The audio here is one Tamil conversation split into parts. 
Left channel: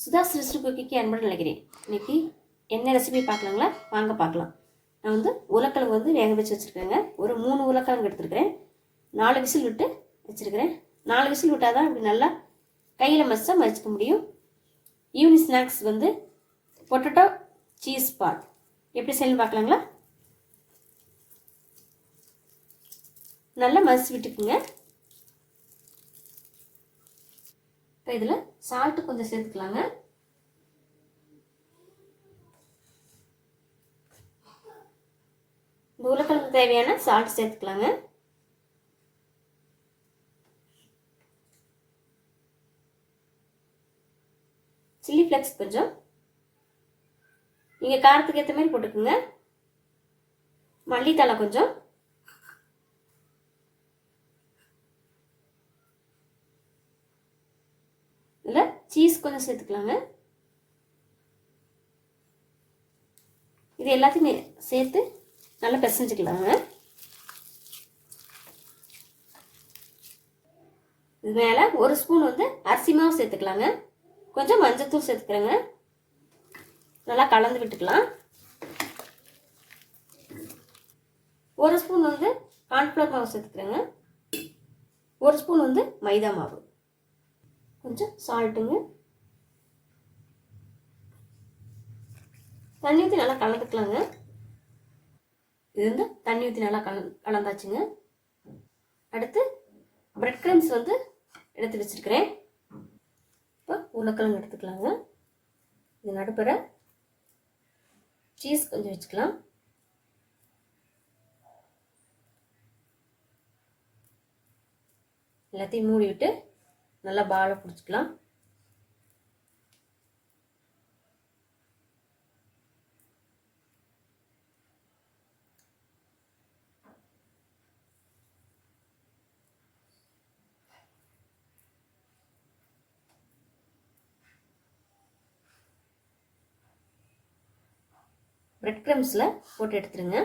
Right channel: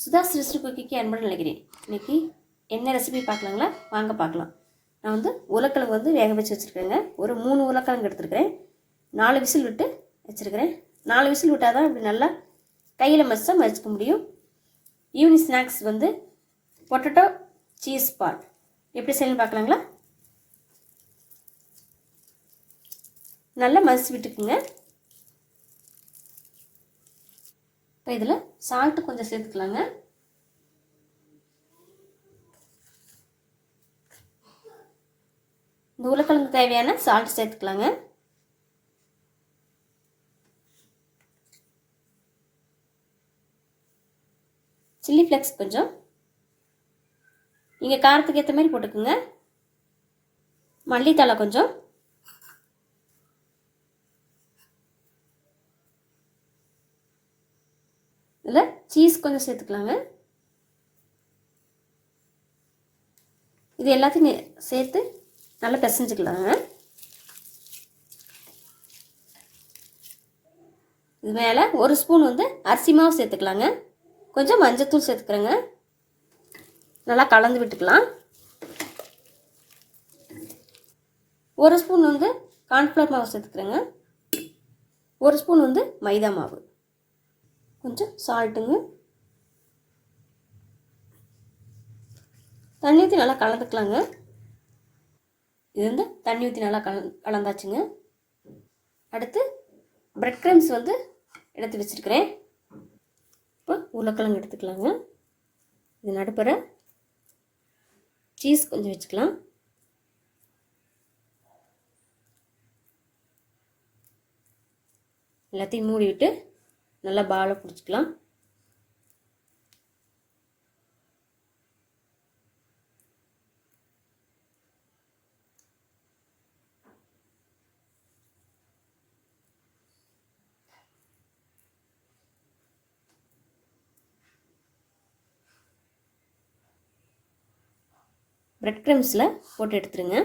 சுதாஸ் ரெசிபி குக்கிக்கு அன்புடன் நினைக்கிறேன். இன்றைக்கி என்ன ரெசிபி பார்க்கலாங்களா? வாங்க பார்க்கலாம். நான் உருளைக்கிழங்கு வேக வச்சு வச்சுருக்கேங்க. ஒரு 3 உருளைக்கிழங்கு எடுத்துருக்கிறேன். 4 விசில் விட்டு வச்சுருக்கிறேன். 4 விசில் விட்டால் தான் இப்படி நல்லா கையில் மசிச்சுக்க முடியும். Evening snacks potato cheese ball எப்படி செய்யணும்னு பார்க்கலாங்களா? நல்லா மசிச்சு விட்டுக்குங்க. இப்போ இதில் சால்ட்டு கொஞ்சம் சேர்த்துக்கலாங்க. இந்த உருளைக்கிழங்கு தேவையான சால்ட் சேர்த்துக்கலாங்க. சில்லி ஃப்ளேக்ஸ் கொஞ்சம் நீங்கள் காரத்துக்கு ஏற்ற மாதிரி போட்டுக்குங்க. மல்லித்தழை கொஞ்சம், இதில் சீஸ் கொஞ்சம் சேர்த்துக்கலாங்க. இது எல்லாத்தையும் சேர்த்து நல்லா பிசைஞ்சுக்கலாங்க. இது மேலே 1 ஸ்பூன் அரிசி மாவு சேர்த்துக்கலாங்க. கொஞ்சம் மஞ்சத்தூள் சேர்த்துக்கிறேங்க. நல்லா கலந்து விட்டுக்கலாம். 1 ஸ்பூன் கார்ன்ஃப்ளவர் மாவு சேர்த்துக்கிறேங்க. 1 ஸ்பூன் மைதா மாவு, கொஞ்சம் சால்ட்டுங்க. தண்ணி ஊற்றி நல்லா கலந்துக்கலாங்க. இது தண்ணி ஊற்றி நல்லா கலந்தாச்சுங்க. அடுத்து பிரெட் கிரம்ஸ் எடுத்து வச்சுருக்கிறேன். இப்போ உருளைக்கிழங்கு எடுத்துக்கலாங்க. இது நடுப்புற சீஸ் கொஞ்சம் வச்சுக்கலாம். எல்லாத்தையும் மூடி விட்டு நல்லா பாலை பிடிச்சிக்கலாம். பிரெட் கிரம்ஸில் போட்டு எடுத்துருங்க.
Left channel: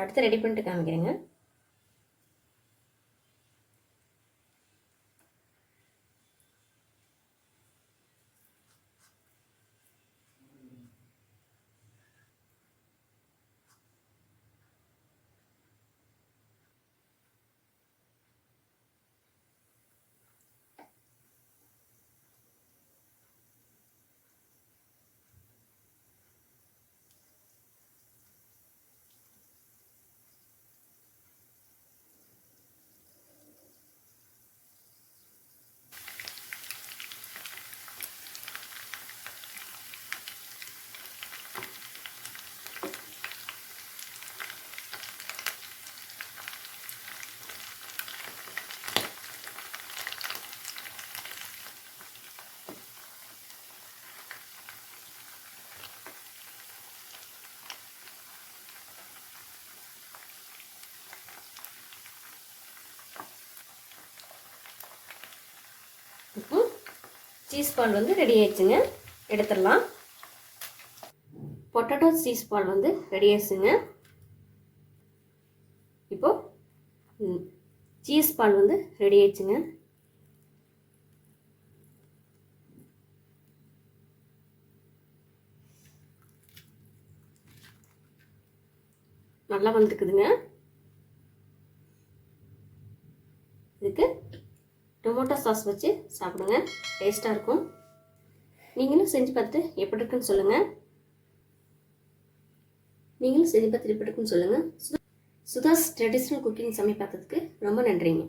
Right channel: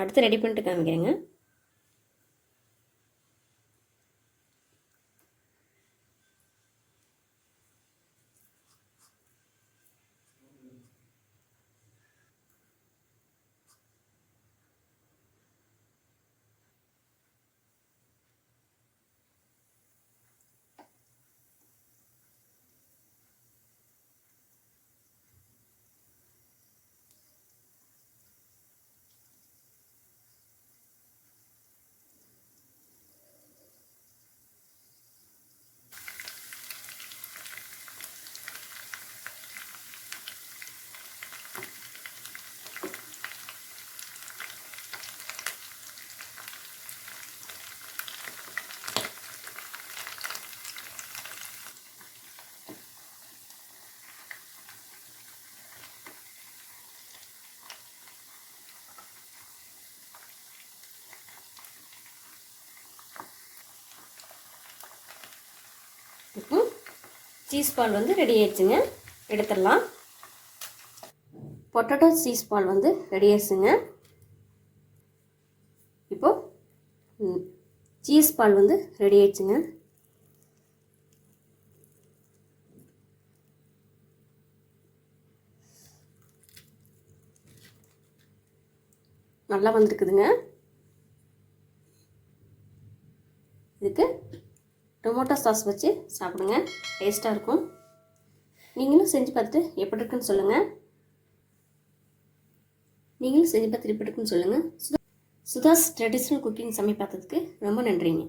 அடுத்து ரெடி பண்ணிட்டு காமிக்கிறேங்க. இப்போ சீஸ் பால் ரெடி ஆயிடுச்சுங்க. எடுத்துடலாம். பொட்டேட்டோ சீஸ் பால் ரெடி ஆயிடுச்சுங்க. இப்போ சீஸ் பால் ரெடி ஆயிடுச்சுங்க. நல்லா வந்துருக்குதுங்க. இதுக்கு டொமேட்டோ சாஸ் வச்சு சாப்பிடுங்க, டேஸ்ட்டாக இருக்கும். நீங்களும் செஞ்சு பார்த்துட்டு எப்படி இருக்குன்னு சொல்லுங்கள். சுதாஸ் ட்ரெடிஷ்னல் குக்கிங் சமையல் பார்த்ததுக்கு ரொம்ப நன்றிங்க.